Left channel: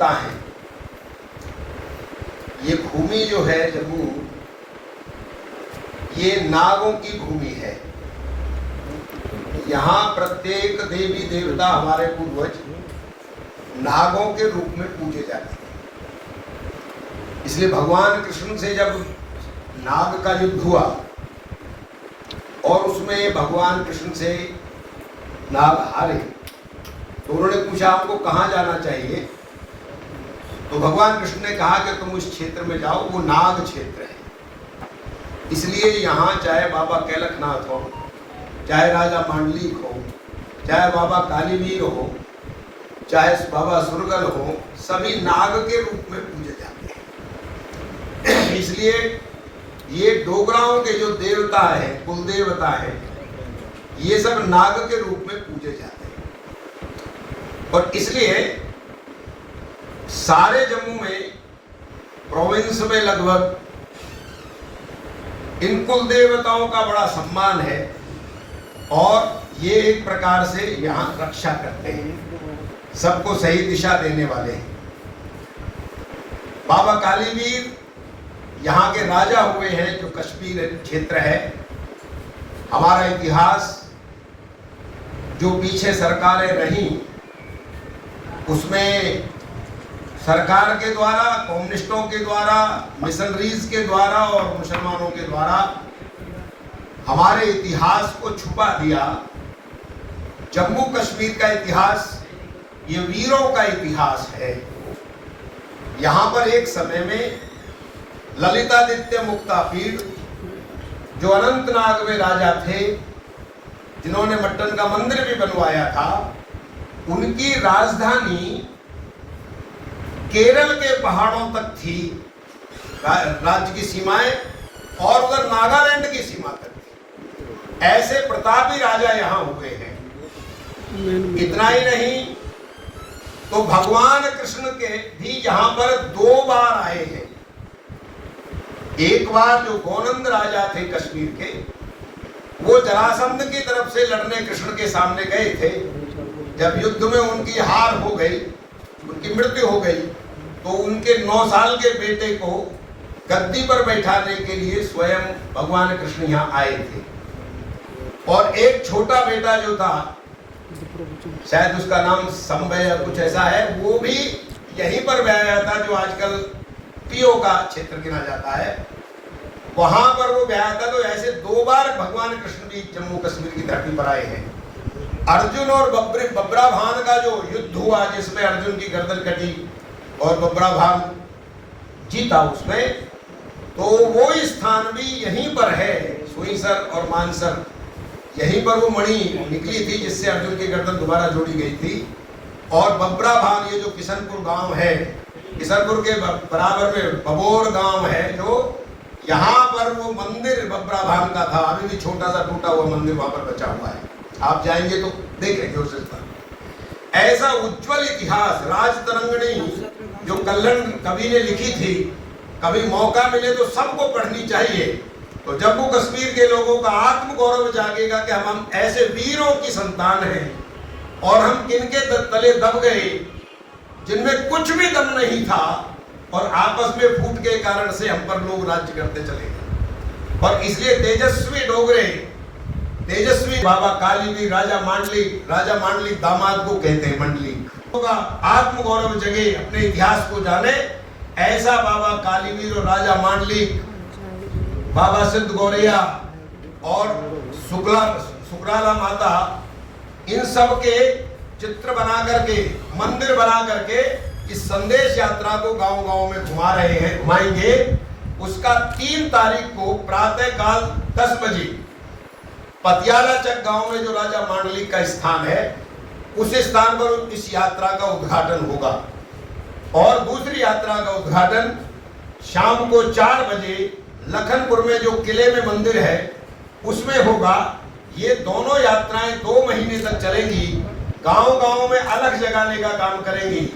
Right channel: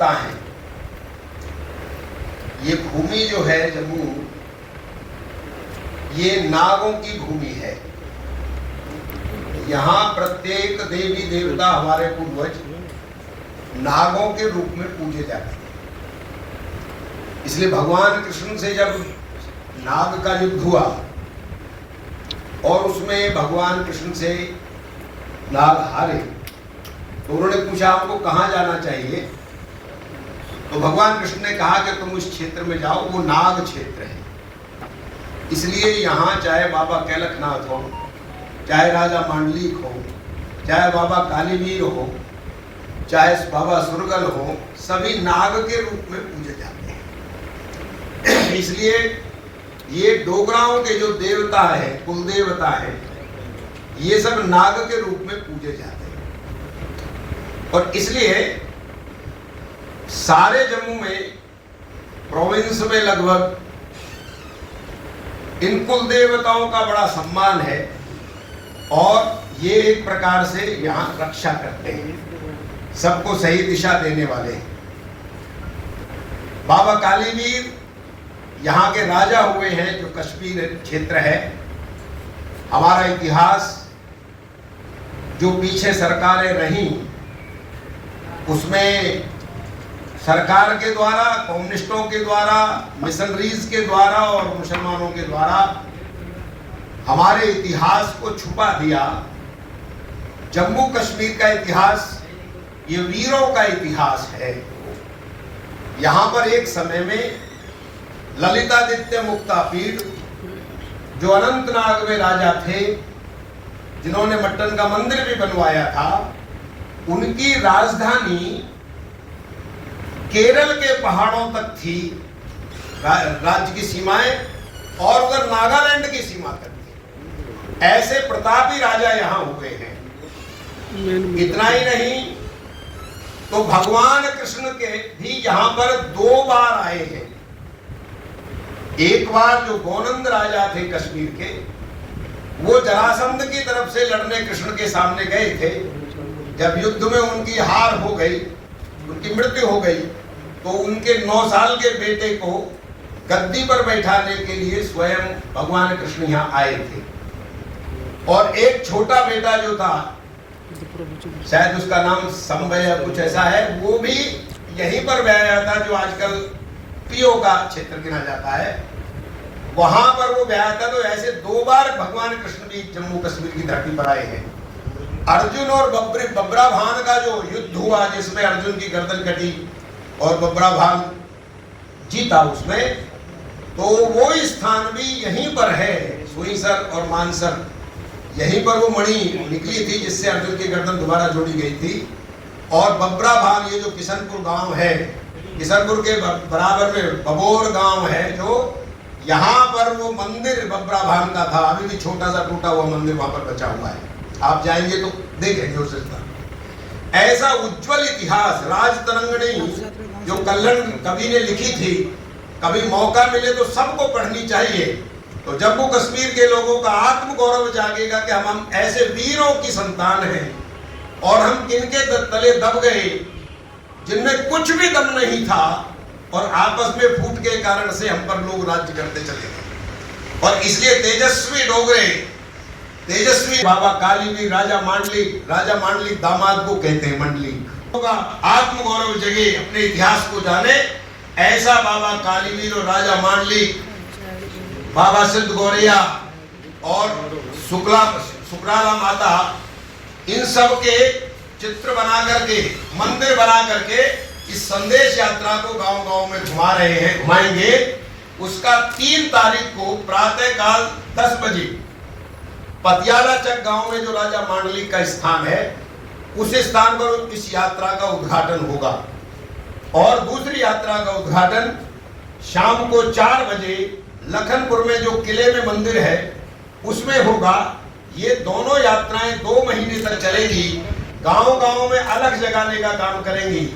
देवता हैं। ये भूमि जो है जम्मू, ये नागों की भूमि है। यहाँ प्रत्येक देवी देवता हमारे पूर्वज नागों के रूप में पूजे जाते हैं। इसलिए भगवान कृष्ण से जब नाग का युद्ध हुआ और उसमें भगवान कृष्ण से नाग हारे, तो उन्होंने पूछा हमको कहाँ जाना चाहिए। तो भगवान कृष्ण ने कहा कि तुम इस क्षेत्र में जाओ, वो नाग क्षेत्र है। इसलिए यहाँ चाहे बाबा कैलकनाथ हो, चाहे राजा मांडलिक हो, चाहे बाबा कालीवीर हो, चाहे बाबा सुरगल हो, सभी नाग के रूप में पूजे जाते हैं। इसलिए ये डोगराओं के जो देवता है, कुल देवता है, ये सब नाग के रूप में पूजे जाते हैं। और इसलिए सारे जम्मू में, प्रोविंस में लगभग इन कुल देवताओं का बड़ा सम्मान है और ये एक प्रकार से यहाँ रक्षा करते हैं, सबको सही दिशा देने वाले हैं। बाबा कालीवीर यहाँ के राजा हुए हैं, जो कश्मीर क्षेत्र है। हमारा इतिहास जो पीछे सरकारें रहीं, उसमें सरकार के द्वारा, कम्युनिस्टों के द्वारा, मिशनरीज के द्वारा और मुसलमानों के द्वारा हमारे इतिहास को छुपा दिया। जम्मू कश्मीर का इतिहास ये वीरों का इतिहास है। यहाँ पर एक समय में ललितादित्य मुक्तापीठ, जो अनंतनाग में राजा थे, जिन्होंने मट्टन का मंदिर भी बनवाया था, उनकी राजधानी केरल के पहाड़ों तक थी, राज्य की सीमाएं, और उधर नागालैंड की सीमा तक थी। ऐसे प्रतापी राजा यहाँ हुए हैं। इतना ही नहीं, तो भगवान कृष्ण के भी यहाँ पर 2 बार आए हैं। एक बार जो गोनंद राजा थे कश्मीर के, वो जरासंध की तरफ से लड़ने कृष्ण के सामने गए थे। जब युद्ध में उनकी हार हो गई, उनकी मृत्यु हो गई, तो उनके 9 साल के बेटे को गद्दी पर बैठाने के लिए स्वयं भगवान कृष्ण यहाँ आए थे। और एक छोटा बेटा जो था, शायद उसका नाम संभय या कुछ ऐसा है, वो भी यहीं पर ब्याया था, जो आजकल पीओ का क्षेत्र गिना जाता है, वहां पर वो ब्याया था। तो ऐसे 2 बार भगवान कृष्ण भी जम्मू कश्मीर की धरती पर आए हैं। अर्जुन और बब्राभान का जो युद्ध हुआ, जिसमें अर्जुन की गर्दन कटी और बब्राभान जीता उसमें, तो वो स्थान भी यहीं पर है। सुईसर और मानसर, यहीं पर वो मणि निकली थी जिससे अर्जुन की गर्दन दोबारा जोड़ी गई थी। और बब्राभान, ये जो किशनपुर गांव है, किशनपुर के बराबर में बबोर गांव है, जो यहाँ पर वो मंदिर बब्राभान का था। अभी भी छोटा सा टूटा हुआ मंदिर वहां पर बचा हुआ है, आप जाएंगे तो देखेंगे उस तरह। ऐसा उज्जवल इतिहास राजतरंगिणी जो कल्हण कवि ने लिखी थी, कभी मौका मिले तो सबको पढ़नी चाहिए। तो जम्मू कश्मीर के लोगों का आत्मगौरव जागेगा कि हम ऐसे वीरों की संतान हैं, और हम किनके तले दब गए जिनमें कुछ भी दम नहीं था, और आपस में फूट के कारण से हम पर लोग राज्य करते चले गए। और इसलिए तेजस्वी डोगरे, तेजस्वी बाबा कालीवीर, राजा मांडलिक दामाद को कहते हैं मंडलिक। आत्मगौरव जगे, अपने इतिहास को जाने, ऐसा बाबा कालीवीर और राजा मांडलिक, बाबा सिद्ध गौरैया और सुकराला माता, इन सब के चित्र बना करके, मंदिर बना करके इस संदेश यात्रा को गांव-गांव में घुमा रहे हैं, घुमाएंगे। उसका 3 तारीख को प्रातः काल 10 बजे पतियाला चक गांव में जो राजा मांडलिक का स्थान है, उस स्थान पर इस यात्रा का उद्घाटन होगा। और दूसरी यात्रा का उद्घाटन शाम को 4 बजे लखनपुर में जो किले में मंदिर है उसमें होगा। ये दोनों यात्राएं 2 महीने तक चलेगी, गांव-गांव में अलग जगाने का काम करेंगी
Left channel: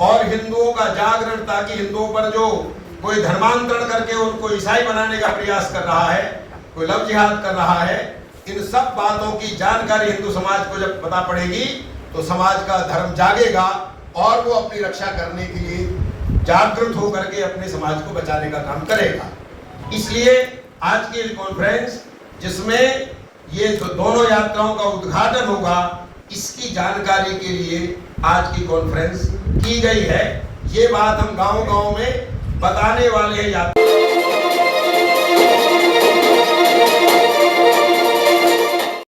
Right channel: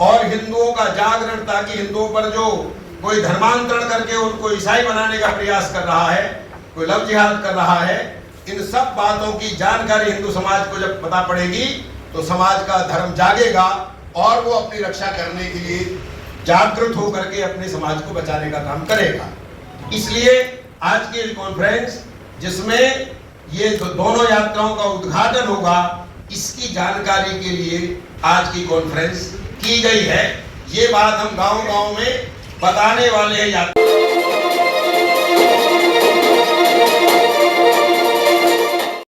और हिंदुओं का जागरण, ताकि हिंदुओं पर जो कोई धर्मांतरण करके उनको ईसाई बनाने का प्रयास कर रहा है, कोई लव जिहाद कर रहा है, इन सब बातों की जानकारी हिंदू समाज को जब पता पड़ेगी तो समाज का धर्म जागेगा और वो अपनी रक्षा करने के लिए जागरूक होकर के अपने समाज को बचाने का काम करेगा। इसलिए आज की कॉन्फ्रेंस जिसमें ये दोनों यात्राओं का उद्घाटन होगा, इसकी जानकारी के लिए आज की कॉन्फ्रेंस की गई है। ये बात हम गांव-गांव में बताने वाले हैं।